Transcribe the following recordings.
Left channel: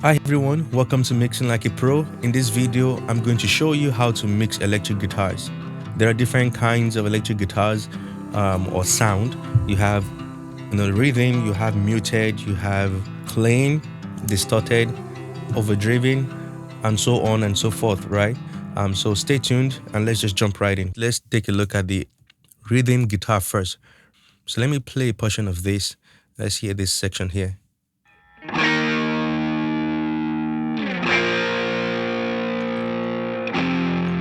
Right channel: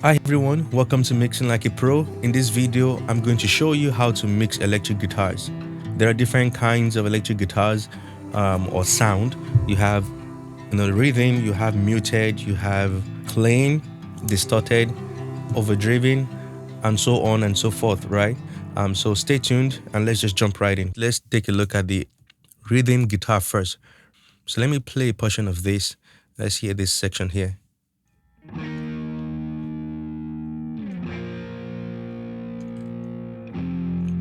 Hi everyone, welcome to Mixinglikeapro. In this video, I'm going to show you how to mix electric guitars. There are different kinds of electric guitars or sound. You have rhythm, you have muted, you have clean, distorted, overdriven, and so on and so forth, right? So stay tuned and let's just jump right in. Let's take a look at the rhythm guitar first. So let me play a portion of this. Let's hear this section here.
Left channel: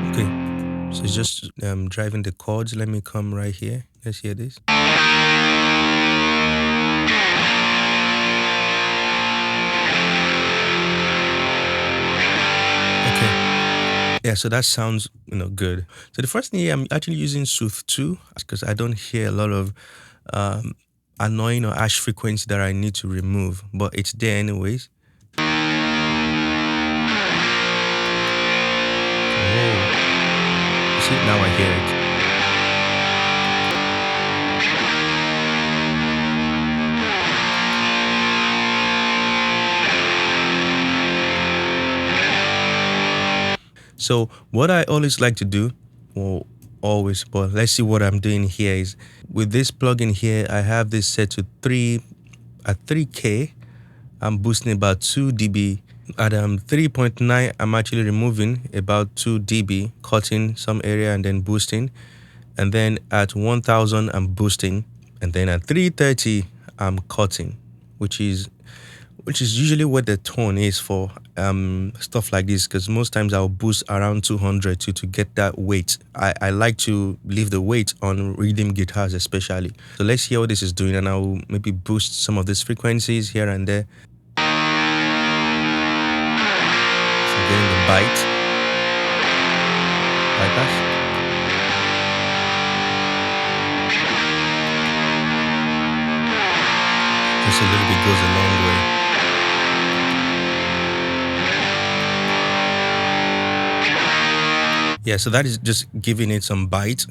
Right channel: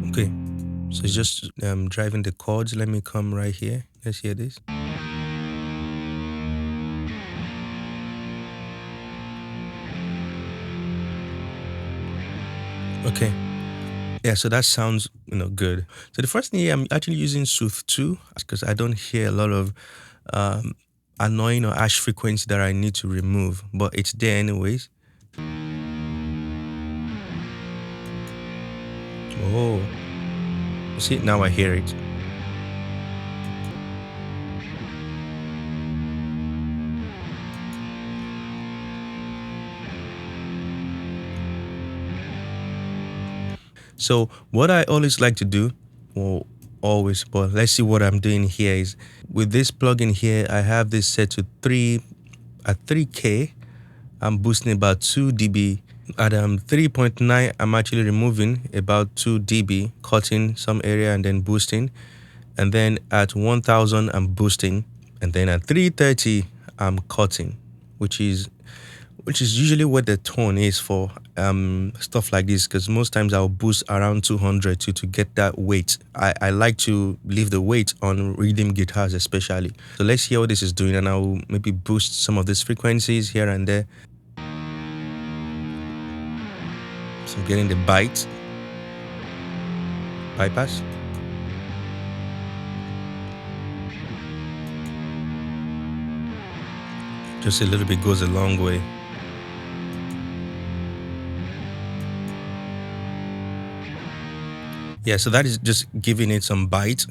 Okay, so it's just driving the chords. Let me come right here. Let's hear this. Okay, yeah, so that sounds good. So the first thing here, I'm actually using Sooth 2 because I don't hear a lot of annoying or harsh frequency that I need to remove, but it's there anyways. Oh, you see, now I hear it. So what I always like to do, well, always, but let's see what I'm doing here is with this plugin here, I have this set to 3K. I'm boosting about 2 dB. At 3.9, I'm actually removing about 2 dB, cutting some area and then boosting. And then at 1000, I'm boosting. And then at 330, I'm cutting, which is usually what the tone is for stuff like this, because most times I'll boost around 200 to get that weight. I like to leave the weight on rhythm guitars especially. So let's hear what this is doing, and I'll maybe boost some of these frequencies here and there. So getting the bypass. Just a little bit goes a long way. Yeah, so that is just giving it some bite,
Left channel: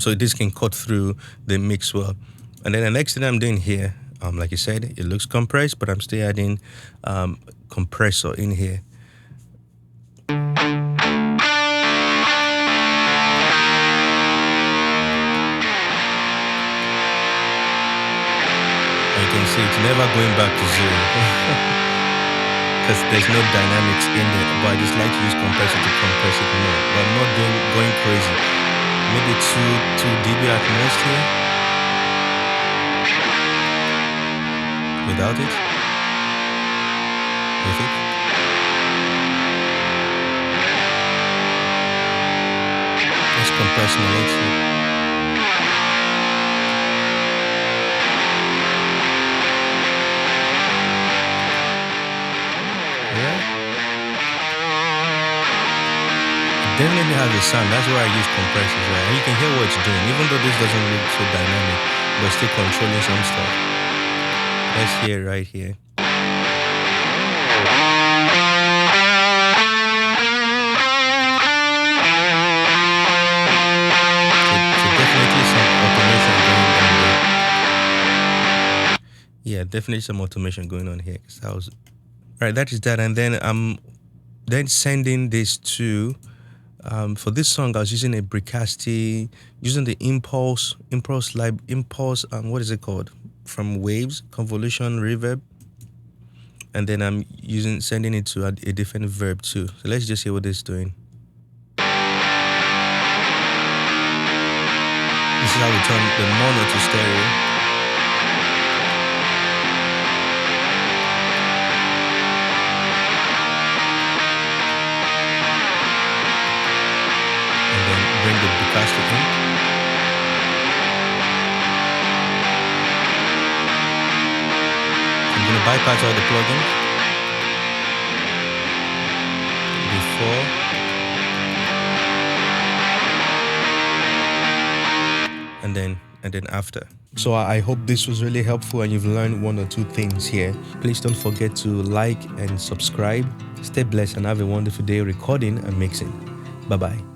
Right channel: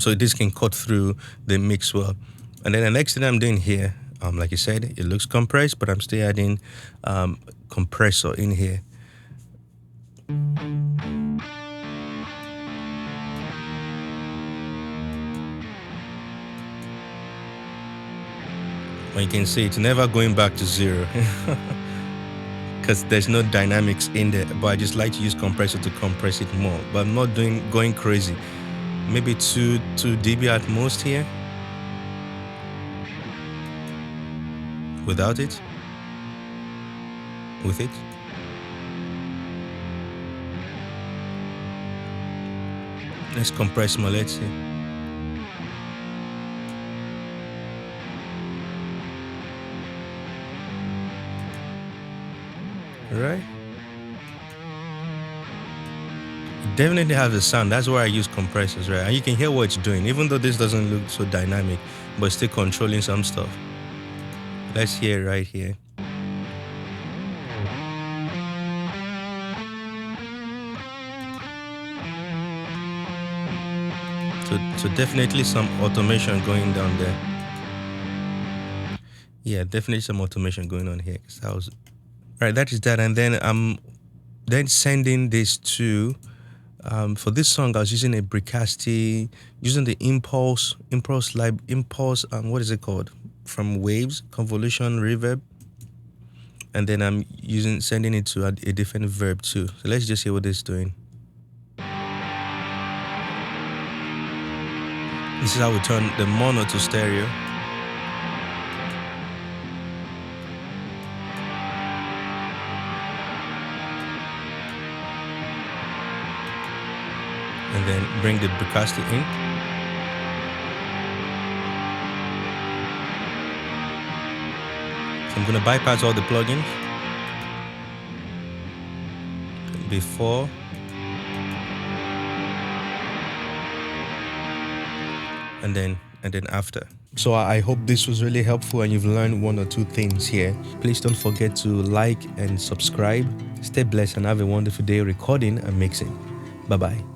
so this can cut through the mix well. And then the next thing I'm doing here, like you said, it looks compressed, but I'm still adding compressor in here. And you can see it's never going back to zero. Because there's no dynamics in there, but I just like to use compressor to compress it more, but I'm not going crazy. Maybe 2 dB at most here. Without it. With it. Let's compress my legs here. Right? It definitely has a sound. That's why I use compressors, right? And you can hear what it's doing, even though this doesn't look so dynamic, but still controlling some stuff. Let's hear it right here. So definitely some automation going down there. Yeah, definitely some automation going on here. Cause that was right. That is that, and then I'm then sending this to. For this song, I was using a Bricasti, using the impulse. What is it called? From Waves, Convolution, Reverb, and then I'm sending it to a different verb too. So let's just see what this is doing. This is how we turn the mono to stereo. And then bring the Bricasti in. I'm going to bypass all the plugins before and then after. So I hope this was really helpful and you've learned 1 or 2 things here. Please don't forget to like and subscribe. Stay blessed and have a wonderful day recording and mixing. Bye-bye.